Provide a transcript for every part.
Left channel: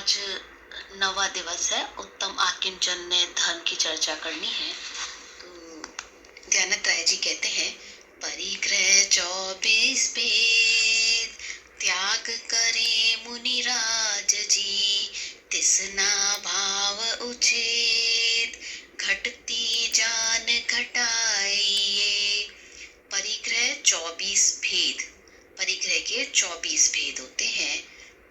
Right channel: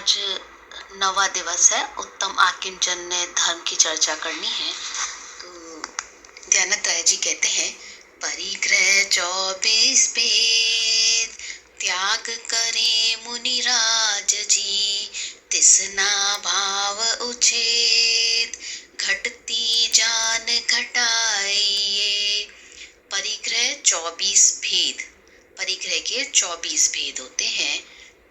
आज 9वां दिवस है। उत्तम आकिंचन ने धर्म की चर्चा करनी है। तो ध्यानत्रय जी कहते हैं, परिग्रह 24 भेद त्याग करे मुनिराज जी, तिसना भाव उछेद घटती जान घटाइए। परिग्रह 24 भेद, परिग्रह के 24 भेद होते हैं।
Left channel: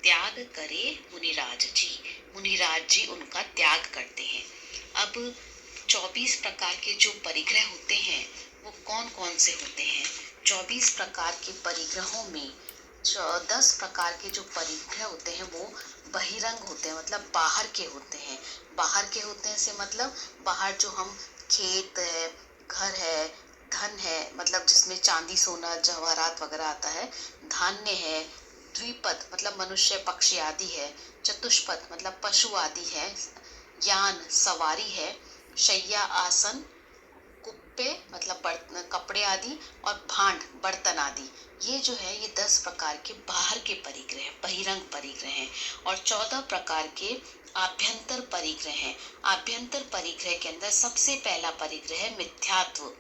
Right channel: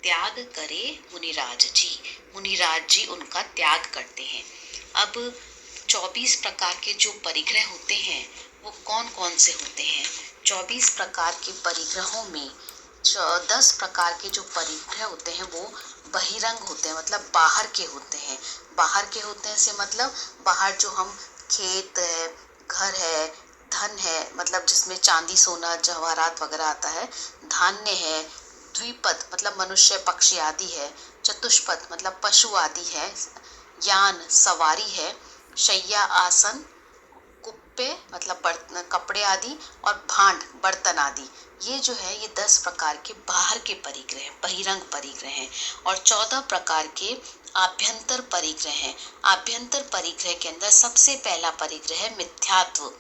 त्याग करे मुनिराज जी, मुनिराज जी उनका त्याग करते हैं। अब 24 प्रकार के जो परिग्रह होते हैं वो कौन कौन से होते हैं? 24 प्रकार के परिग्रहों में 10 प्रकार के जो परिग्रह होते हैं वो बहिरंग होते हैं, मतलब बाहर के होते हैं। बाहर के होते हैं से मतलब बाहर जो हम खेत है, घर है, धन है, मतलब जिसमें चांदी सोना जवाहरात वगैरह आता है, धान्य है, द्विपद मतलब मनुष्य पक्षी आदि है, चतुष्पद मतलब पशु आदि है, यान सवारी है, शैया आसन कुप्पे मतलब कपड़े आदि, और भांड बर्तन आदि। ये जो है ये 10 प्रकार के बाहर के परिग्रह बहिरंग परिग्रह हैं। और 14 प्रकार के आभ्यंतर परिग्रह हैं। आभ्यंतर परिग्रह के अंदर सबसे पहला परिग्रह है मिथ्यात्व,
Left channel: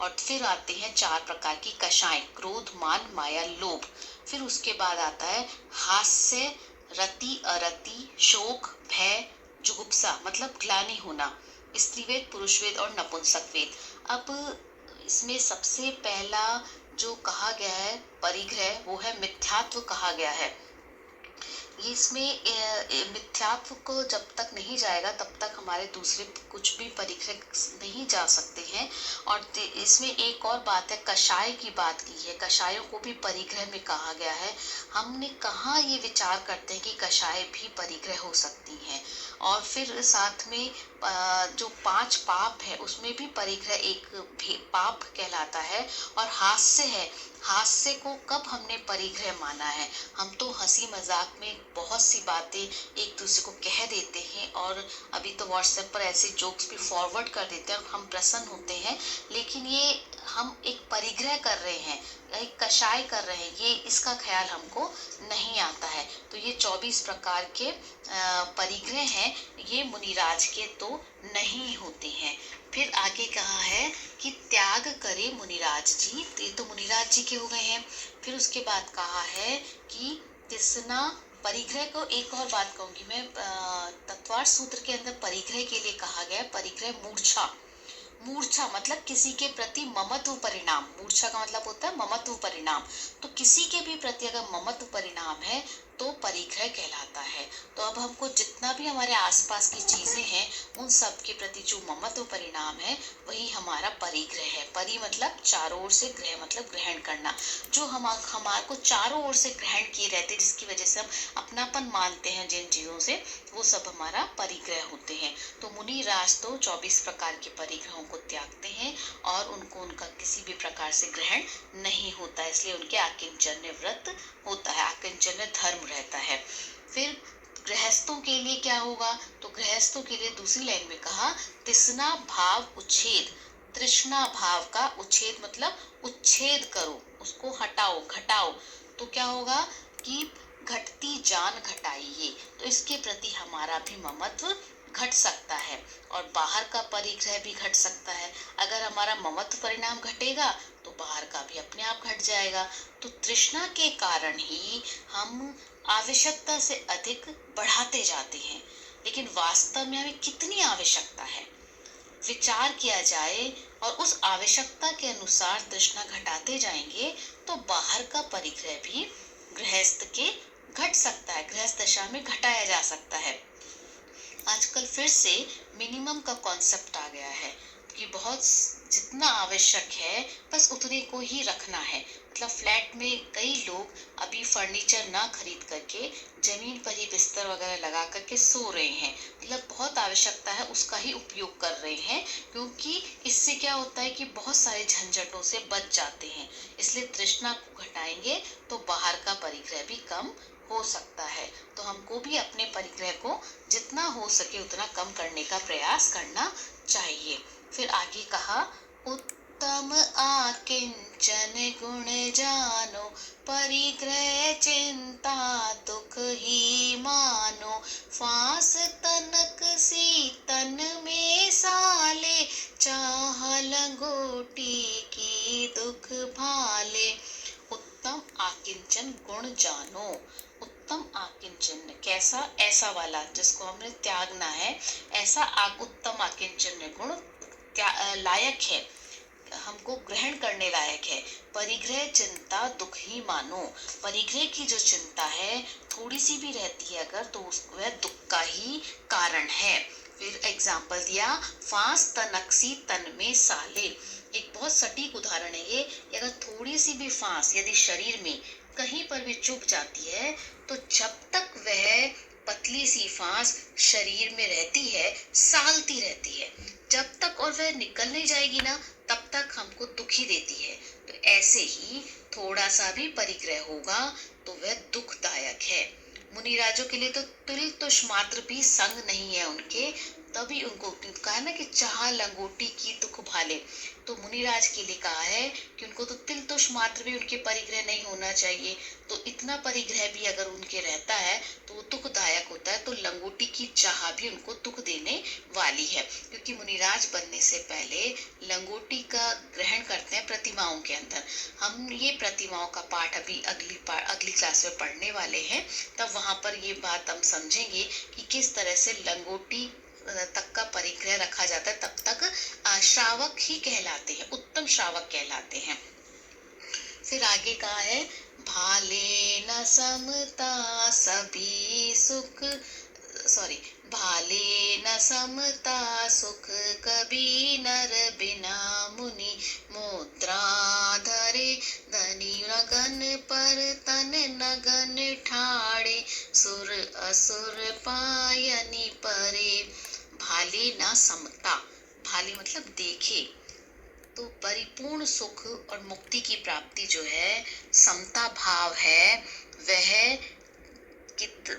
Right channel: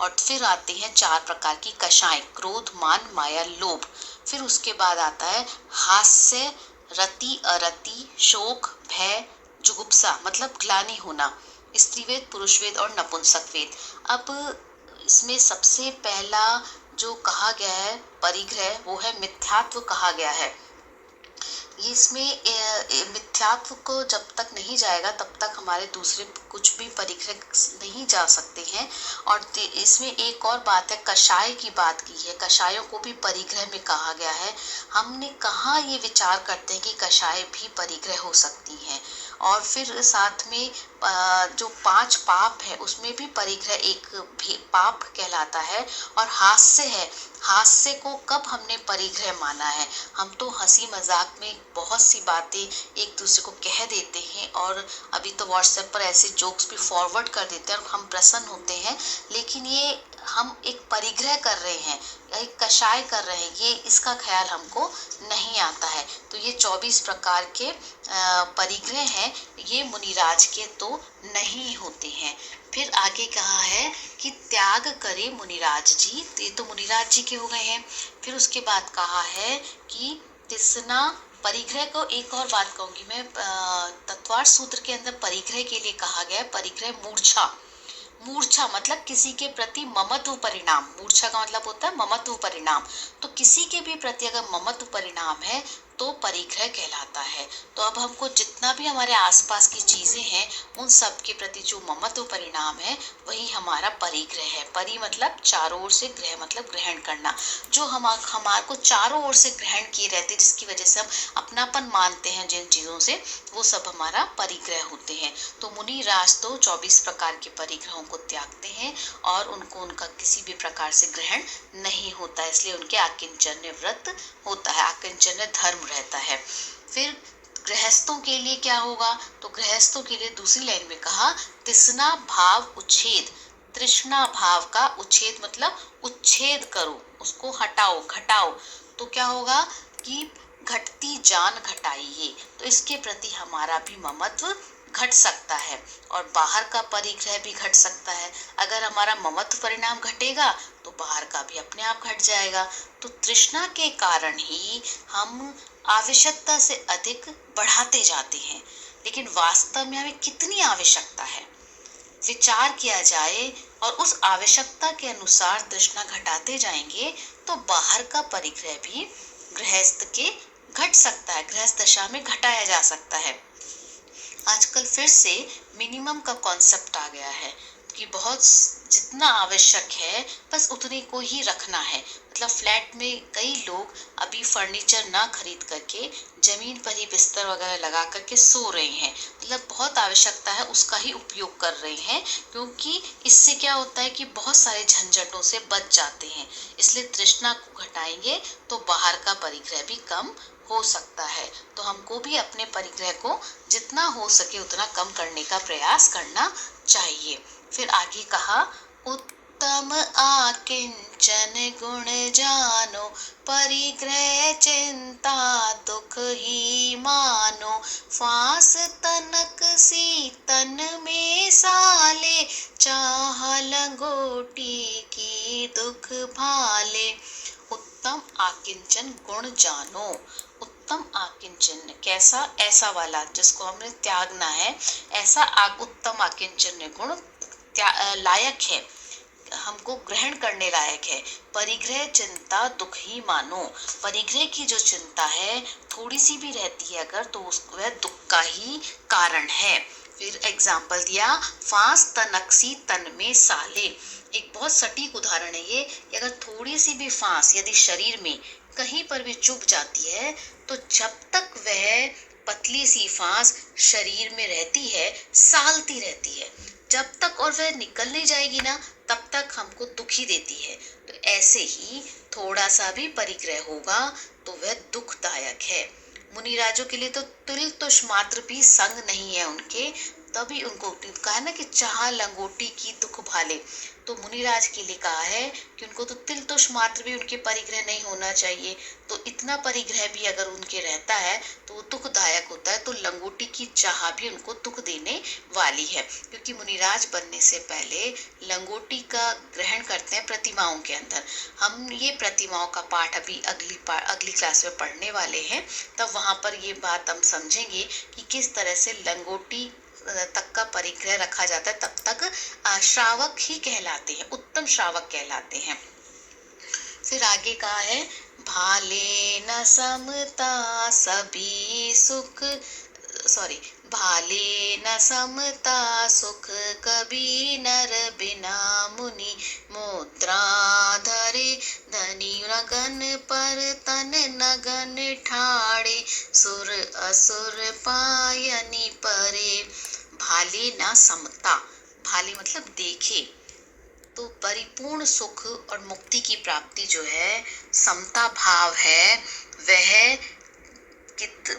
और फिर आते हैं 4 प्रकार की कषाय, क्रोध मान माया लोभ। फिर उसके बाद आता है हास्य, रति अरति, शोक भय जुगुप्सा मतलब ग्लानि होना, स्त्रीवेद पुरुषवेद और नपुंसकवेद। अब इसमें सबसे पहला जो कहा गया है परिग्रह वो है मिथ्यात्व कहा गया है। इसमें मिथ्यात्व को जब तक नहीं जाएगा तब तक हमारे दूसरे कुछ भी परिग्रह नहीं जा सकते हैं। और इसमें एक और बात है, कषाय की बात की है, कषायों को भी परिग्रह में कहा गया है। हमने कहाँ ये विचार करते हैं कि कषाय भी परिग्रह हो सकती हैं। और फिर साथ में जो 5 पाप है उसमें भी परिग्रह एक पाप कहलाता है। और हास्य है, हास्य को कब हमने परिग्रह माना है? हम तो हंसी मजाक में बहुत सी बातें एक दूसरे को कह देते हैं, और अभी तो व्हाट्सएप पर ऐसे जोक्स भी फॉरवर्ड कर देते हैं और हम प्रसन्न होते हैं, लेकिन ये हम एक परिग्रह कर रहे हैं, एक कषाय कर रहे हैं, ये इसका ख्याल हमको नहीं आता है। तो ये 24 प्रकार के परिग्रह हैं, ये मुनिराज के तो नहीं होते हैं। फिर आगे कहा है कि त्याग करे मुनिराज जी, तो ये तो मुनिराज जी के हो गए हैं। फिर उसके बाद कहा है कि तिसना परिग्रह को, एक और बात कहूंगी मैं, तत्वार्थ सूत्र के अंदर परिग्रह के लिए कहा गया है परिग्रह मूर्छा। मूर्छा मतलब किसी के प्रति ममत्व परिणाम, मूर्छा का मतलब होता है ममत्व परिणाम। तो किसी के भी प्रति अगर ममत्व परिणाम है तो परिग्रह कहलाता है। तो अब हमको जितना भी हमारे आसपास की चीजें हैं उन सब के प्रति जो ममत्व परिणाम है वही हमारा परिग्रह है। परि मतलब चारों ओर से, ग्रह मतलब ग्रहण करना, जो हमारे को चारों ओर से ग्रहण किए रहते जिसकी वजह से हम अपनापन मानते हैं जिन चीजों से, वो सब हमारा परिग्रह होते हैं। तो मुनि राज तो 24 प्रकार के परिग्रहों को त्यागते हैं और उनको उनका किसी भी प्रकार से ग्रहण नहीं होता है, इसलिए उनके आकिंचन्य व्रत होता है, आकिंचन्य धर्म रहता है। फिर गृहस्थों के लिए क्या होगा? तो गृहस्थों के लिए दूसरी लाइन में कहा तिसना भाव उच्छेद, तृष्णा भाव का उच्छेद मतलब उच्छेद करो, उसको हटाओ घटाओ। तो क्या होगा कि घटती जान घटाइए, तो इसके प्रति हमारा भी ममत्व घट सकता है और बाहर का परिग्रह भी घट सकता है। अगर हमारा ममत्व परिणाम घटेगा तो बाहर का भी अपने आप घट जाएगा। तो तृष्णा के कारण ही हम आवश्यकता से अधिक बढ़ाते जाते हैं, लेकिन वास्तव में हमें कितनी आवश्यकता है विचार किया जाए और उस आवश्यकता के अनुसार तृष्णा घटाते जाएंगे तो बाहर का परिग्रह भी गृहस्थ के घट सकता है, गृहस्थ दशा में घटाया जा सकता है। आजकल फिर से मिनिमम का कॉन्सेप्ट आ गया है कि बहुत जितना आवश्यक है बस उतने को ही रखना है। मतलब फ्लैट में कई लोग अभी फर्नीचर ना खरीद करके जमीन पर ही बिस्तर वगैरह लगा करके सो रहे हैं, मतलब बहुत आवश्यकता है उसका ही उपयोग कर रहे हैं, क्योंकि इससे क्या होता है कि बहुत सारे झंझटों से बच जाते हैं। इसलिए तृष्णा को घटाएंगे तो बाहर का परिग्रह भी कम हो सकता है। तो हमको भी अपने परिग्रह को जितना हो सके उतना कम करने का प्रयास करना चाहिए। फिर आगे कहा उत्तम आकिंचन गुण जानो, परिग्रह चिंता दुख ही मानो, फांस तनक सी तन में साले, चाह लंगोटी की दुख भाले। उत्तम आकिंचन गुण जानो। उत्तम आकिंचन कैसा, ऐसा वाला जिसको हमने त्यागना है, ऐसा उत्तम आकिंचन गुण लायक है, हमको ग्रहण करने लायक है। परिग्रह चिंता दुख ही मानो। परिग्रह की जो चिंता है थोड़ी सी भी रहती है अगर, तो वह दुख का ही कारण है। फिर एग्जाम्पल दिया, फांस तनकसी तन में साले। एक बहुत सटीक उदाहरण है ये। अगर थोड़ी सी भी फांस यदि शरीर में कहीं पर भी चुभ जाती है, तो जब तक वह पतली सी फांस शरीर में रहती है, सालती रहती है, जब तक और वह निकल नहीं जाएगी ना, तब तक हमको दुखी देती है। तो ऐसे ही थोड़ा सा भी परिग्रह होगा तो वह दुखदायक है। मुनिराजों के लिए तो तुल तुष मात्र भी संग नहीं है उनके, तभी उनको कहा है ना कि चाह लंगोटी की दुख भाले। तो मुनिराज के लिए कहा है कि उनको तो तिल तुष मात्र भी उनके परिग्रह नहीं होना चाहिए। तो इतना परिग्रह भी अगर उनके रहता है तो वो दुखदायक होता है। तो लंगोटी की चाह भी उनको दुख देने वाली है, क्योंकि मुनिराज बनने से पहले लंगोटी का ग्रहण करते हैं प्रतिमाओं के अंदर। हम ये प्रतिमाओं का पाठ अभी अगली क्लास में पढ़ने वाले हैं, तब वहां पर ये बात हम समझेंगे कि किस तरह से लंगोटी तक का परिग्रह रखा जाता है। तब तक श्रावक ही कहलाते हैं, उत्तम श्रावक कहलाते हैं। फिर आगे कहा है, भाले न समता सभी सुख, भाले न समता सुख कभी नर बिना मुनि मुद्रा धरे, धनी नगन पर तन नगन ठाड़े, सुर असुर पायनी परे। भाले न समता, भाले मतलब देखे, तो परिपूर्ण सुख और मुक्ति की प्राप्ति जो है, समता भाव है, वह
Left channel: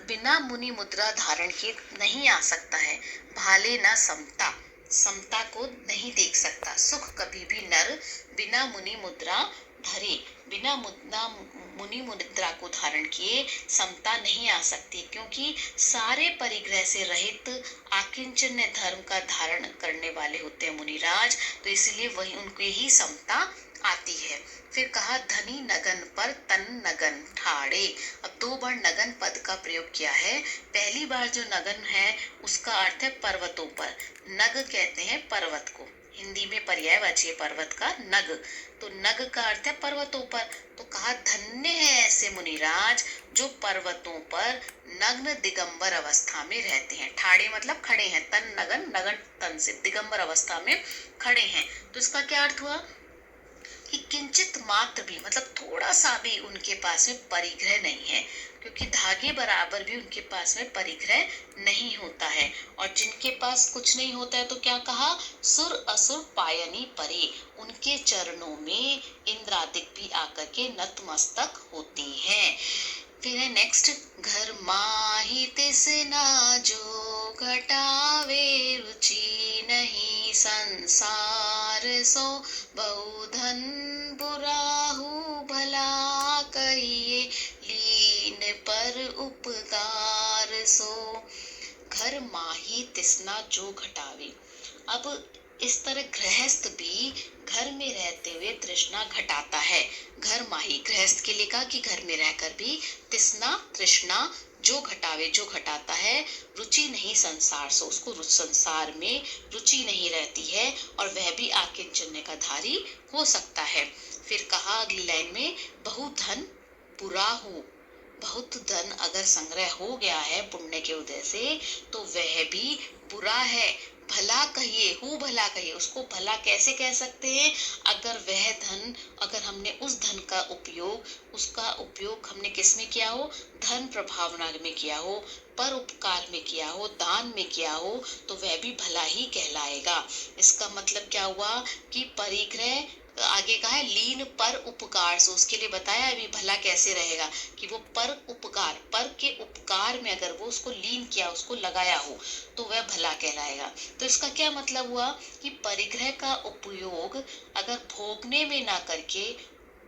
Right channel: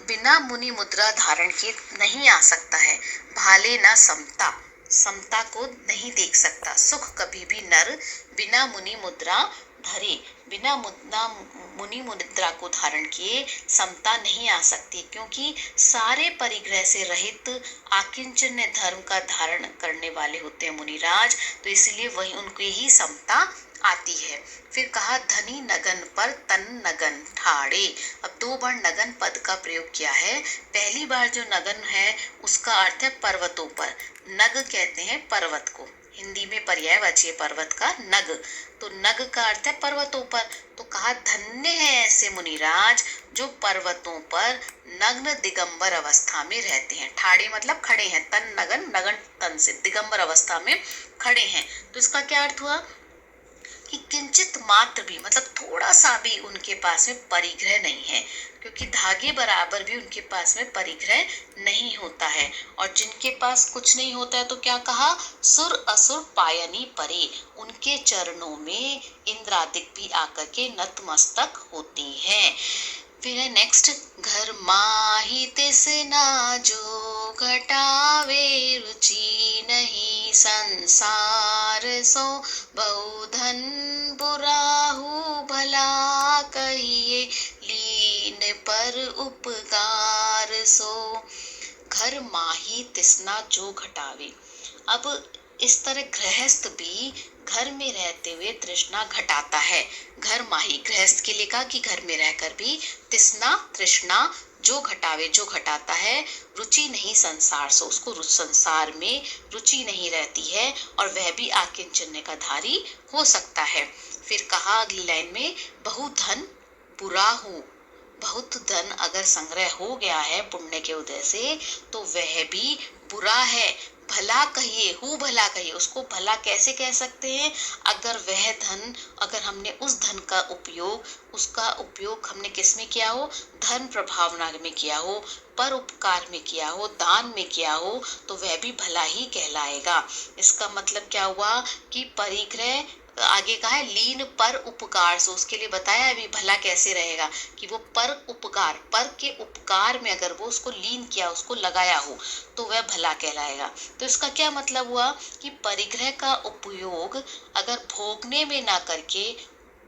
बिना मुनि मुद्रा धारण किए नहीं आ सकता है। भाले ना समता, समता को नहीं देख सकता। सुख कभी भी नर बिना मुनि मुद्रा धरे, बिना मुनि मुद्रा को धारण किए समता नहीं आ सकती, क्योंकि सारे परिग्रह से रहित आकिंचन्य धर्म का धारण करने वाले होते हैं मुनिराज, तो इसलिए वही उनके ही समता आती है। फिर कहा, धनी नगन पर तन नगन ठाड़े। अब दो बार नगन पद का प्रयोग किया है। पहली बार जो नगन है उसका अर्थ है पर्वतों पर, नग कहते हैं पर्वत को, हिंदी में पर्यायवाची पर्वत का नग, तो नग का अर्थ है पर्वतों पर। तो कहा, धन्य है ऐसे मुनिराज जो पर्वतों पर नग्न दिगंबर अवस्था में रहते हैं। ठाड़े मतलब खड़े हैं, तन नगन, नगन तन से, दिगंबर अवस्था में खड़े हैं। तो इसका क्या अर्थ हुआ कि किंचित मात्र भी, मतलब थोड़ा सा भी उनके पास में परिग्रह नहीं है, क्योंकि धागे बराबर भी उनके पास में परिग्रह नहीं होता है। और जिनके पास कुछ नहीं होता है तो क्या कहा, सुर असुर पायनी परे, उनके चरणों में इंद्रादिक भी आकर के नतमस्तक होती हैं। फिर है नेक्स्ट, घर माही तिसना जो घटावे, रुचि नहीं संसार सो, बहुधन बुराहु भला कहिए, लीन पर उपकार सो। घर माही तिसना जो घटावे। अब इस तरह गृहस्थ भी घर में रहते हुए तृष्णा घटाता है। घर माही, गृहस्थ के लिए कहा कि घर में रहकर भी तिसना तृष्णा जो घटावे, जो घटाता है, रुचि नहीं संसार सो, उसको संसार में रुचि नहीं रहती है और वह भी आकिंचन्य का धारी हो सकता है। फिर कहा अगली लाइन में, बहु धन बुरा हो, बहुत धन अगर संग्रह हो गया है पुण्य के उदय से तो वह भी बुरा है। भला कहिए, हु भला कहिए, उसको भला कैसे कह सकते हैं, अगर वह धन, अगर हमने उस धन का उपयोग, उसका उपयोग हमने किस में किया हो, धन प्रभावना में किया हो, पर उपकार में किया हो, दान में किया हो, तो वह भी भला ही कहलाएगा। इसका मतलब क्या हुआ कि परिग्रह, आगे कहा है लीन पर उपकार, सो उसके लिए बताया अभी भला कैसे रहेगा कि वो पर उपकार, पर के उपकार में अगर वो उसको लीन किया, उसको लगाया हो, तो वह भला कहलाएगा। तो इसका क्या मतलब हुआ कि परिग्रह का उपयोग अगर भोगने में ना करके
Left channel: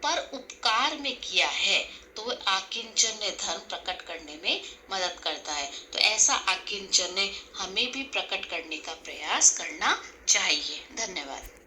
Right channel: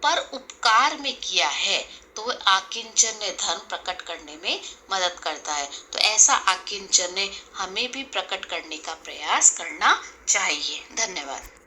पर उपकार में किया है तो वह आकिंचन्य धर्म प्रकट करने में मदद करता है। तो ऐसा आकिंचन हमें भी प्रकट करने का प्रयास करना चाहिए। धन्यवाद।